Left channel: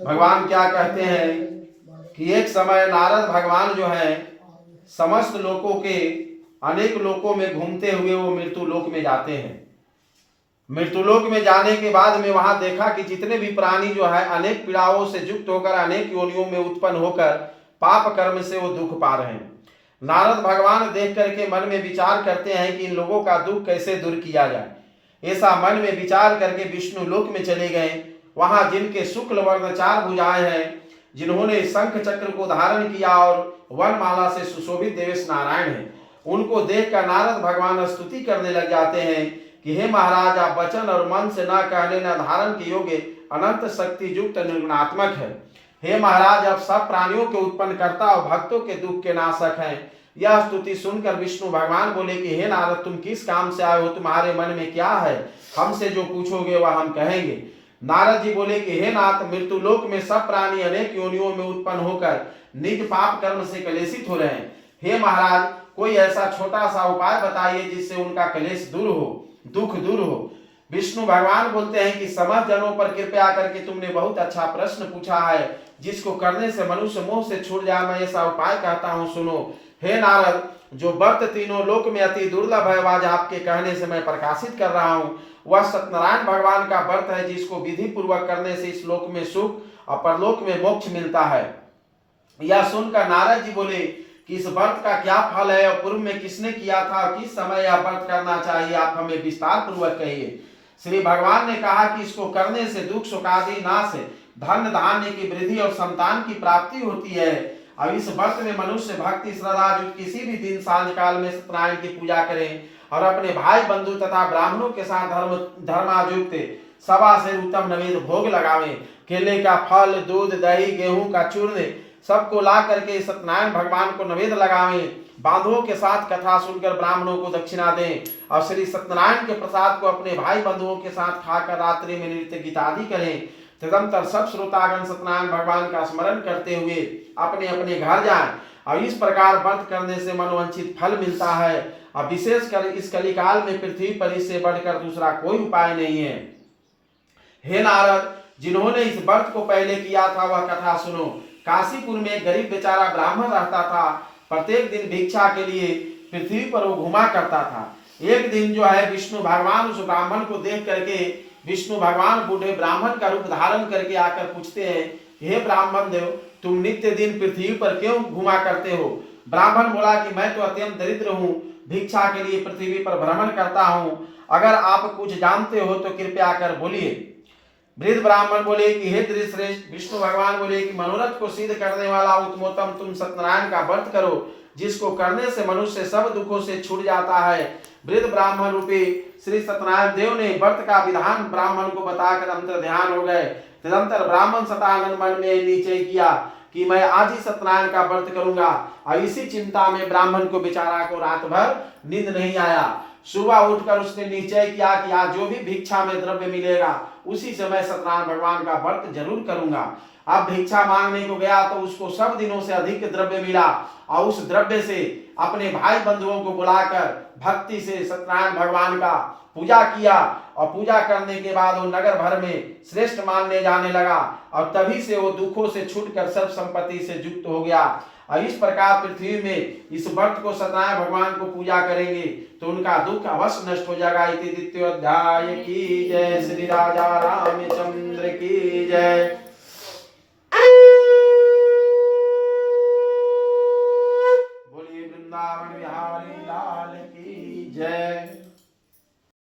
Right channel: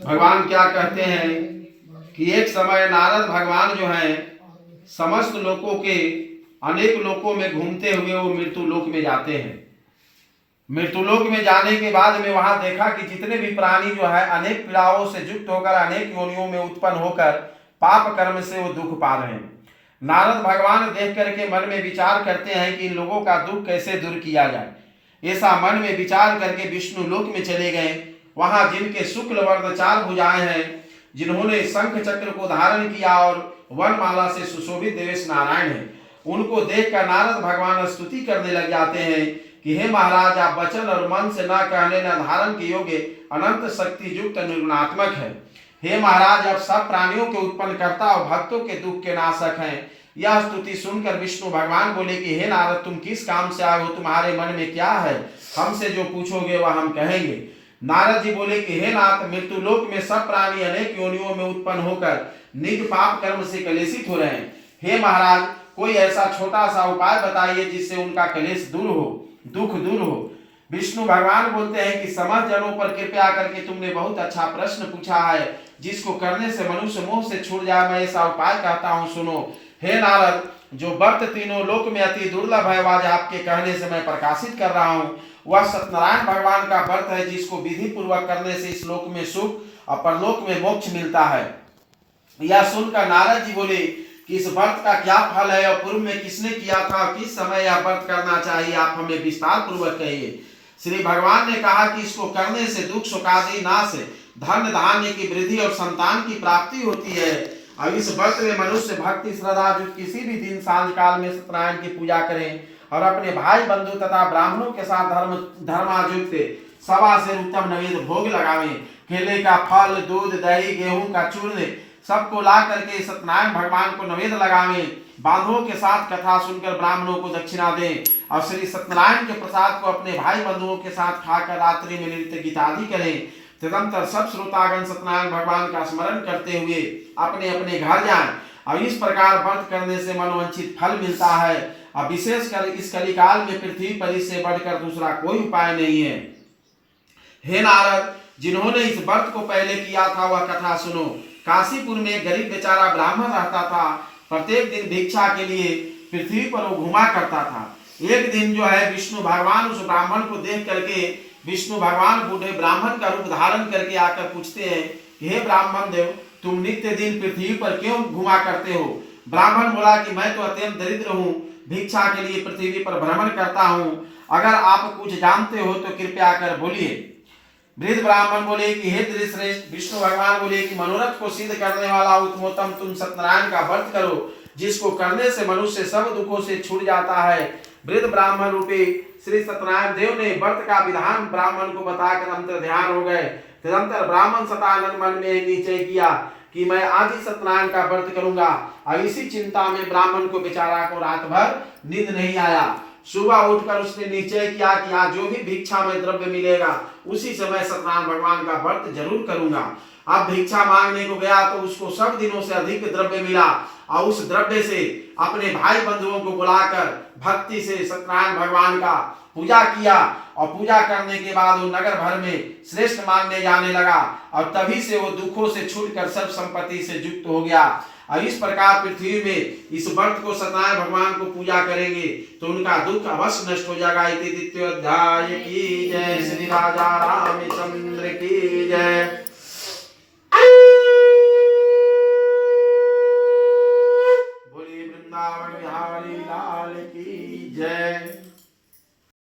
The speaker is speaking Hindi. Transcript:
भगवान क्या कहते हैं कि एक समय नारद भगवान जो है समस्त लोकों के अनेक लोकों में घूमते हुए वो मृत्यु लोक में जाते हैं। मृत्युलोक में जाने के बाद में वहां देखा कि जितने भी प्राणी जो है अनेक पीड़ाओं से युक्त होकर अनेक योनियों में उत्पन्न होकर पाप कर्म से वो दुख पा रहे हैं। नारद भगवान देख करके मन में विचार करते हैं कि इन लोगों का दुख कैसे दूर किया जाए। ऐसा मन में विचार करके विष्णु लोक में चले गए। वहां जिनके शुक्ल वर्ण 4 भुजाएं हैं, जिन्होंने शंख चक्र को धारण किया और वनमाला से सुशोभित देवेश नारायण है, उनको देखकर नारद भगवान स्तुति करने लग जाते हैं कि हे महाराज, आप वचन और मन से न कहने न धारण के योग्य अनंत शक्ति युक्त निर्गुणात्मक है। हे महाराज, आप सब प्राणियों के उत्पन्न करता और भक्तों के दुख के नाशक हैं। यह स्तुति सुनकर विष्णु भगवान बोले कि हे नारद, तुम किस काम से आए हो? तुम्हारे मन में क्या है? हमसे जो पूछोगे वह हम कहेंगे। नारद जी बोले कि हे नाथ, मृत्युलोक में सब प्राणी अनेक योनियों में उत्पन्न होकर निज पाप कर्म से कलेशित हो रहे हैं। हे महाराज, कोई ऐसा छोटा सा उपाय बताइए जिससे उनका कलेश दूर हो, दुख दूर हो। विष्णु भगवान बोलते हैं कि समस्त जनों पर कृपया करके तुमने बहुत अच्छा प्रश्न पूछा है, जिसको करने से मनुष्य मोह से छूट जाए। मैं ऐसा उपाय कहता हूँ, सुनो। हे नारद, जो व्रत तीनों लोक में अति दुर्लभ है, आज आपके कहने से मैं प्रकाशित कर रहा हूँ। वह सत्यनारायण भगवान का व्रत है, जिसको विधि पूर्वक करने से इस लोक में सुख और परलोक में मोक्ष मिलता है। यह सुनकर नारद जी बोले कि इस व्रत का क्या फल है और पूर्व में किसने किया था, किस समय यह व्रत करना चाहिए, आप हमें विस्तार पूर्वक कहिए। श्री भगवान ने कहा कि इसको करने से दुख सुख आदि नाश, धन धान्य की वृद्धि और संतान की प्राप्ति होती है। अब इस व्रत में मनुष्य भक्ति श्रद्धा किसी भी दिन सांझ काल में सत्यनारायण की पूजा करें और अपने भाई बंधु तथा ब्राह्मणों के साथ धर्मायुक्त सवा से उत्तम नैवेद्य भोग लगावें। केले का फल, दूध, दही, गेहूं का चूर्ण सबको ला करके सत्यनारायण भगवान को नैवेद्य लगावें। बांधवों के साथ कथा सुनकर ब्राह्मणों को दक्षिणा दें और श्री सत्यनारायण के प्रसाद को अपने भाई बंधुओं के साथ खाकर रात्रि में नृत्य गीत आदि करें। तदंतर सब श्रोतागण सत्यनारायण भगवान का स्मरण करते हुए अपने अपने घर जाएं। और इस प्रकार व्रत करने से मनोवांछित फल मिलता है। और विशेषकर इस कलिकाल में पृथ्वी पर इससे बढ़कर दूसरा कोई उपाय नहीं है। हे नारद, जिन्होंने इस व्रत को पहले किया था वह कथा सुनो। काशीपुर में एक गरीब बेचारा ब्राह्मण रहता था। प्रत्येक दिन भिक्षा के लिए पृथ्वी पर वो घुमा करता था। एक दिन जो है विष्णु भगवान उस ब्राह्मण को देख करके विष्णु भगवान बूढ़े ब्राह्मण का रूप धारण करके आकर पूछते हैं, हे ब्राह्मण देव, तुम नित्य दिन पृथ्वी पर क्यों घुमा करते हो? ब्राह्मण बोला कि मैं तो अत्यंत दरिद्र हूँ, भिक्षा के लिए पृथ्वी पर भ्रमण करता हूँ। अगर आप कुछ जानते हो तो कृपया कर बोलिए। वृद्ध ब्राह्मण बोले कि हे श्रेष्ठ, विष्णु भगवान बोले कि मनोरथ को सिद्ध करने वाला उत्तमोत्तम तुम सत्यनारायण का व्रत करो, जिसको करने से मनुष्य सब दुखों से छूट जाता है। वृद्ध ब्राह्मण रूपी श्री सत्यनारायण देव ने व्रत का विधान ब्राह्मण को बताकर अंतर ध्यान हो गए। तदंतर ब्राह्मण सतानंद मन में निश्चय किया कि मैं आज ही सत्यनारायण का व्रत करूंगा। और इसी चिंता में ब्राह्मण को बेचारा को रात भर नींद नहीं आया। सुबह उठकर उसने निश्चय किया कि आज जो भी भिक्षा में द्रव्य मिलेगा उसी समय सत्यनारायण भगवान का व्रत जरूर करूंगा। अब भिक्षा मांगने को गया तो उसको सब दिनों से अधिक द्रव्य मिला और उस द्रव्य से अपने भाई बंधुओं को बुलाकर भक्ति से सत्यनारायण भगवान का पूजा किया। और पूजा करने के बाद वो नगर भर में श्रेष्ठ मानने जाने लगा और तभी से वो दुखों से छूटकर सर्व संपत्ति से युक्त हो गया। और इस प्रकार पृथ्वी में इस व्रत को सत्यनारायण भगवान को पूजा करेंगे तो उनका दुख अवश्य नष्ट हो जाएगा। इति द्वितीय अध्याय की जय। श्री राजा रामचंद्र की जय। बोलिए वृंदावन बिहारी लाल की जय।